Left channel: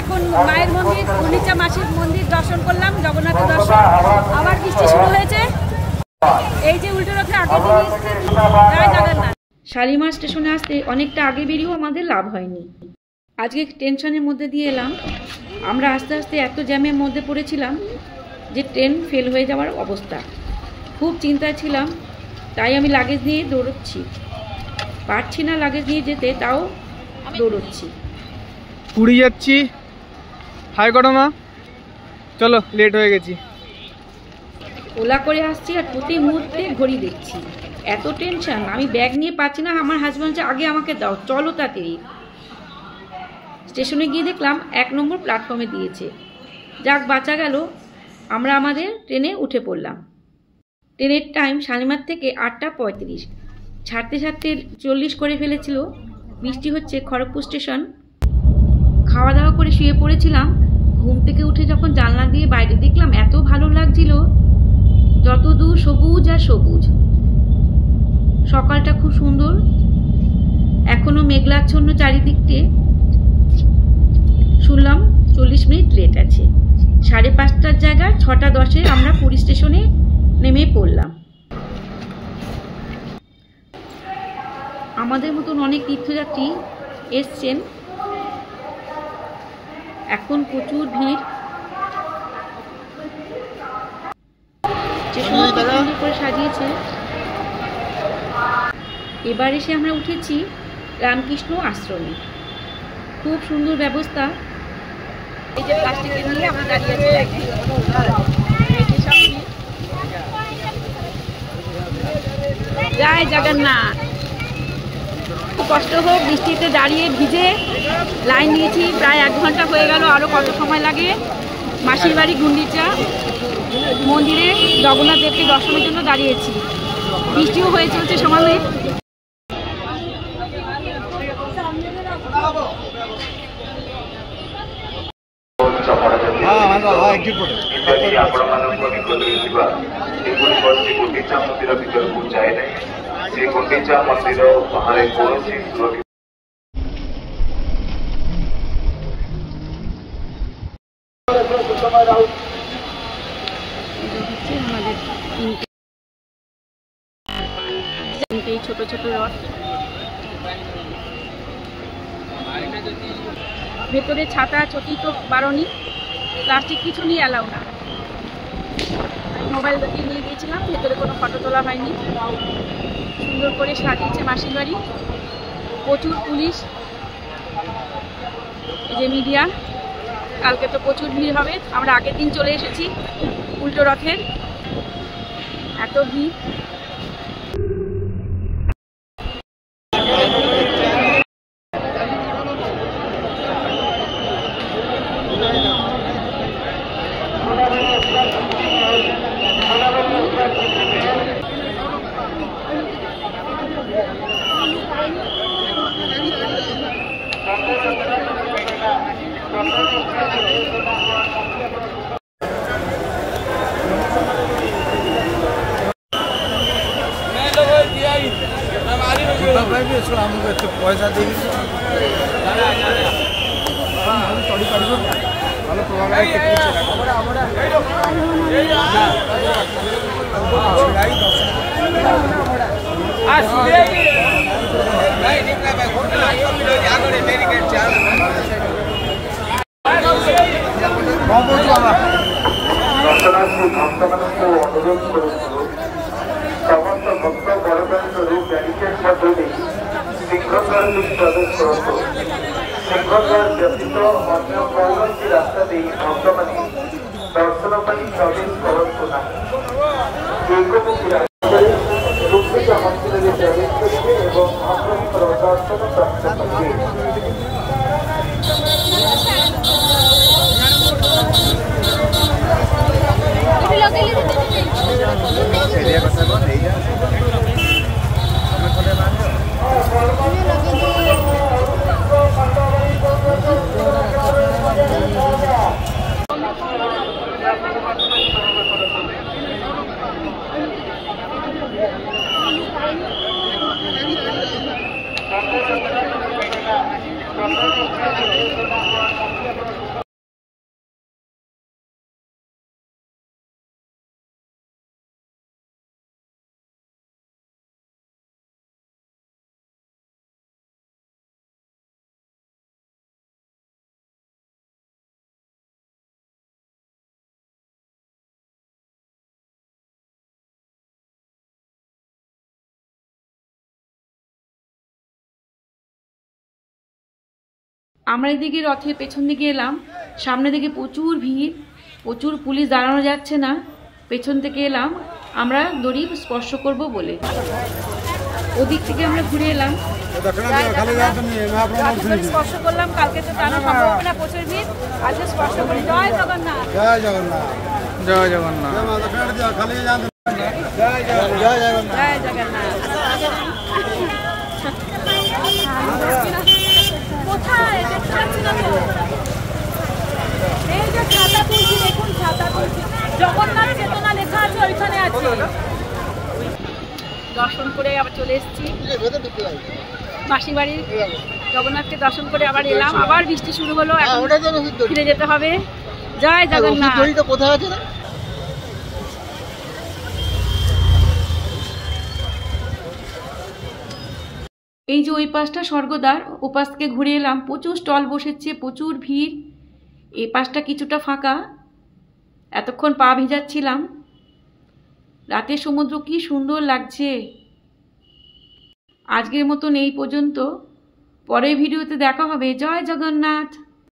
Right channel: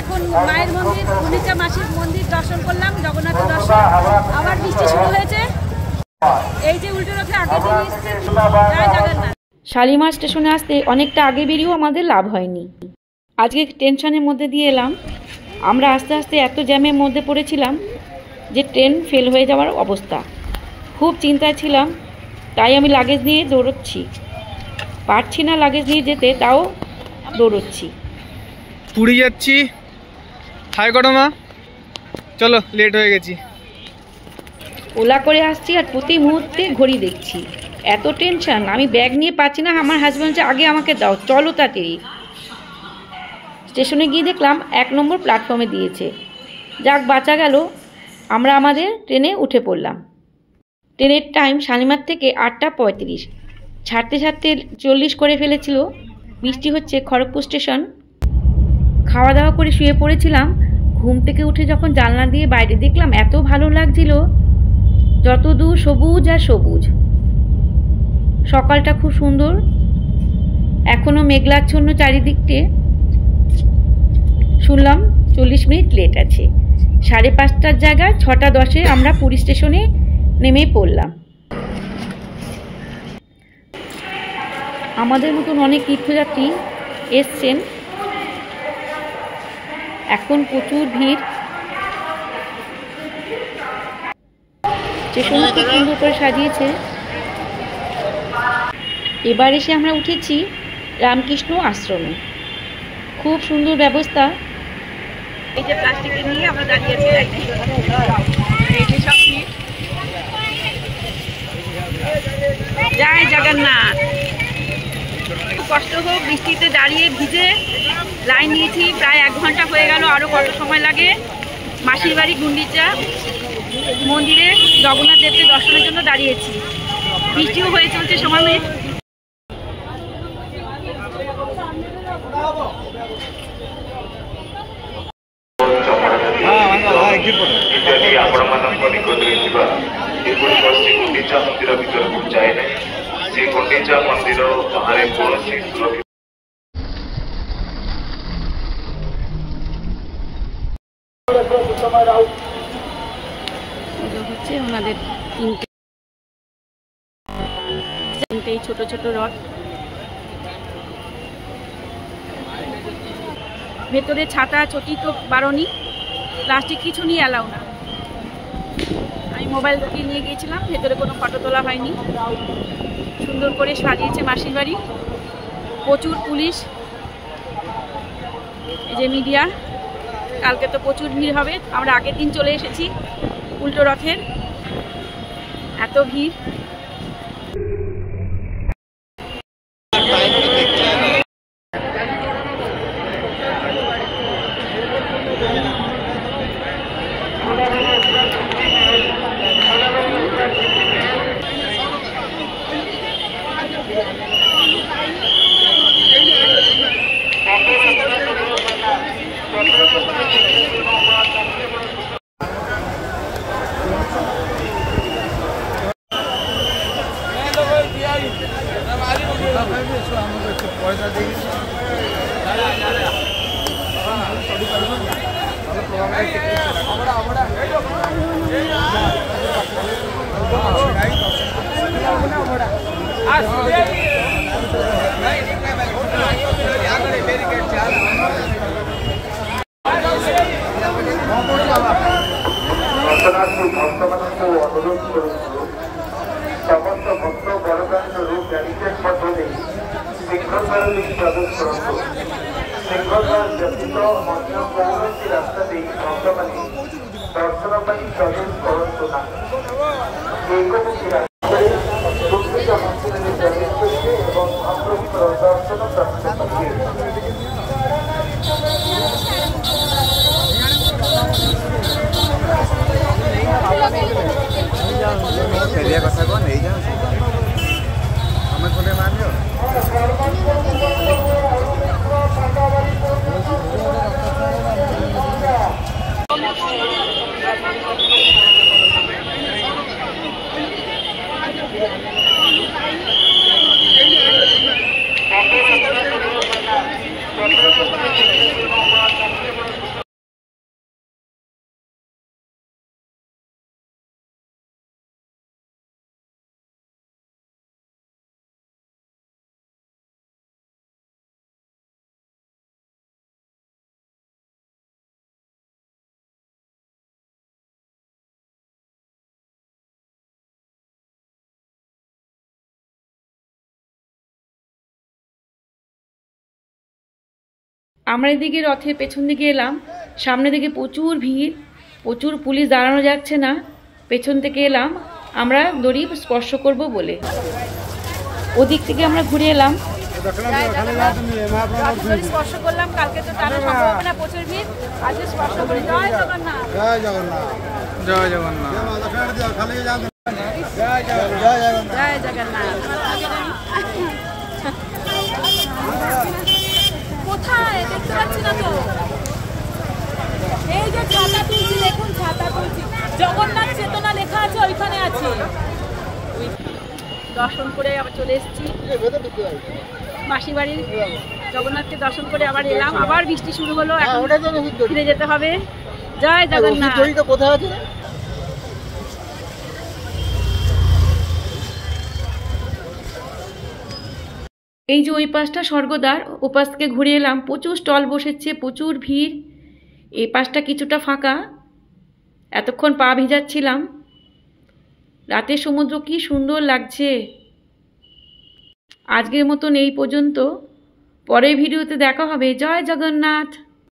এখন মায়ের মন্দির, গুন্ডিচা মাসির মন্দির দর্শন করলাম, জগন্নাথের দর্শন। আবার বৃষ্টি শুরু হয়েছে। এই যে উল্টো রথে আগে দিন এসছে, জয় জগন্নাথ। শালিমার স্টেশনে আসতে অনেকটা আগে বেরিয়েও আমাদের লাভ হয়নি। আজকে টেনশনের মধ্যে দিয়ে এলাম। আমরা আস্তে আস্তে এত জ্যামের মধ্যে পড়েছিলাম যে ট্রেন ফেল হয়ে যাওয়ার অবস্থা। খুব চিন্তায় ছিলাম, তাই আমি লাগেজ নিয়ে দৌড়চ্ছি। পারছি না লাগেজ নিয়ে যেতে, তাও দৌড়চ্ছি। পুরী যাচ্ছি। হাই করো মা, চলো লেট হয়ে গেছি। ওলা করে আসছি আর প্রতি মুহূর্তে ঘড়ি দেখছি। এত টেনশন, আমি ব্যাগ নিয়ে পাচ্ছি না। আমার হাজব্যান্ড যে আগে আমাকে দাও, চলো তাড়াতাড়ি। স্টেশনে গিয়ে দেখলাম 1 নম্বর প্ল্যাটফর্মে দিয়েছে। যাক, বাঁচা গেল। আমরা আমাদের ট্রেনে উঠে পড়লাম। ট্রেনের টাইম শালিমার থেকে 8টা 35। ছাড়তে ছাড়তে 40 করে ফেলেছিল। বৃষ্টি হচ্ছে খড়গপুর স্টেশন। খাওয়া দাওয়া করে শুয়ে পড়েছিলাম। ঘুম থেকে উঠে যখন জানলা দিয়ে বাইরে দেখলাম, এত ভালো লাগছিল। যত দূর সবুজ আর সবুজ। সকালটা খুব সুন্দর। এখনও মেঘলাচ্ছন্ন চারিদিকটে। শুনলাম 40 মিনিট লেট আছে। 5:30টার জায়গায় 6টা 10-এ আমরা পুরী স্টেশনে নেমে পড়লাম। আমাদের মতন অনেক তীর্থযাত্রী এসছেন। এখন প্রচুর ভিড়। স্টেশন খুব সুন্দর করে সাজিয়েছে। এবার এসে আমরা উঠেছি রামকৃষ্ণ আশ্রমে। খুব সুন্দর ব্যবস্থা। এই যে প্লাস্টিকের নিয়ে আমরা দাঁড়িয়ে আছি লাইনে। জয় জগন্নাথ। কষ্ট হোক, বৃষ্টিতে দাঁড়িয়ে ভিজে লাইন নিয়েছি। প্রায় 1 ঘন্টা হয়ে গেল। আরও কত সময় লাগে। মাসির বাড়ি গুন্ডিচা মন্দিরে জগন্নাথ দেবকে দর্শনের জন্য দাঁড়িয়েছি। বৃষ্টিও হয়ে চলছে সমানে। হচ্ছে আমাদের 3টে ছোট ছোট রথ। ভেতরে ছাতা চটি তো বারণই, প্লাস্টিক কিছু নিয়ে অ্যালাউ না। আমি মোবাইল দিয়ে নিয়ে গিয়েছিলাম। ভেতরে কোনো ফটো তোলা হয়নি। সুন্দর করে সাজিয়েছে মাসির বাড়ি। প্রচুর পুলিশ। এই যে মিডিয়া। কালকে তো প্রচুর ভিড় হবে। আমরা আগের দিন চলে এসেছি উল্টো রথের। এত ভিড়। অনুরোধ করেছিল সমস্ত ভক্ত বড় ব্যারিকেড মাধ্যমে শৃঙ্খলার প্রবেশ করত। শৃঙ্খলার ব্যতীত অন্য কয়েকটি রাস্তাতেই ভক্তମାନେ দর্শନ ପାଇଁ ପ୍ରବେଶ କରନ୍ତୁ ନାହିଁ। ଦୁର୍ଗମୁଖୀ ରାସ୍ତାରେ ଗୁଣ୍ଡିଚା ମନ୍ଦିରରେ ପ୍ରବେଶ କରିବେ ଏବଂ ମହାପ୍ରଭୁଙ୍କର ଦର୍ଶନ ପ୍ରାପ୍ତ କରିବେ। আমরা এদিকে রথের পেছন দিকে এলাম, সামনে দিকে প্রচুর ভিড়, প্রচুর পুলিশ, দাঁড়ানো যাচ্ছে না। পেছন থেকে এলাম আমরা দড়ি স্পর্শ করব বলে, ওদিক থেকে আমরা ঘুরে এলাম। দড়ি স্পর্শ করলাম, কালকে তো টানা সম্ভব হবে না, প্রচুর ভিড়, আজকে স্পর্শ করি। জয় জগন্নাথ, জয় জগন্নাথ, জয় জগন্নাথ, জয় জগন্নাথ। এই যে ছাতা তুলছি, দেখুন ছাতা তুলছি, জগন্নাথ চেতনা লেখা আছে ওইখানে আছে। দর্শন করে আবার চলে এসেছি মাসির বাড়ি, জগন্নাথকে দর্শন করে আবার এলাম। আবার বৃষ্টি শুরু হলো, ফিরে যেতে হবে। জয় জগন্নাথ। কোথায় আছে? এই যে ওই পাশটা স্বর্গদ্বার, ও পাশ থেকে ঘুরে এলাম, প্রচুর স্টল বসেছে, প্রচুর ভিড়। এই পাশটা কিছুটা ফাঁকা। এতক্ষণ পা ভিজাচ্ছিলাম। রাতের সমুদ্র কি সুন্দর লাগছে। আজকের মতন এই পর্যন্ত, পরের ভিডিওতে দেখা হবে। জয় জগন্নাথ।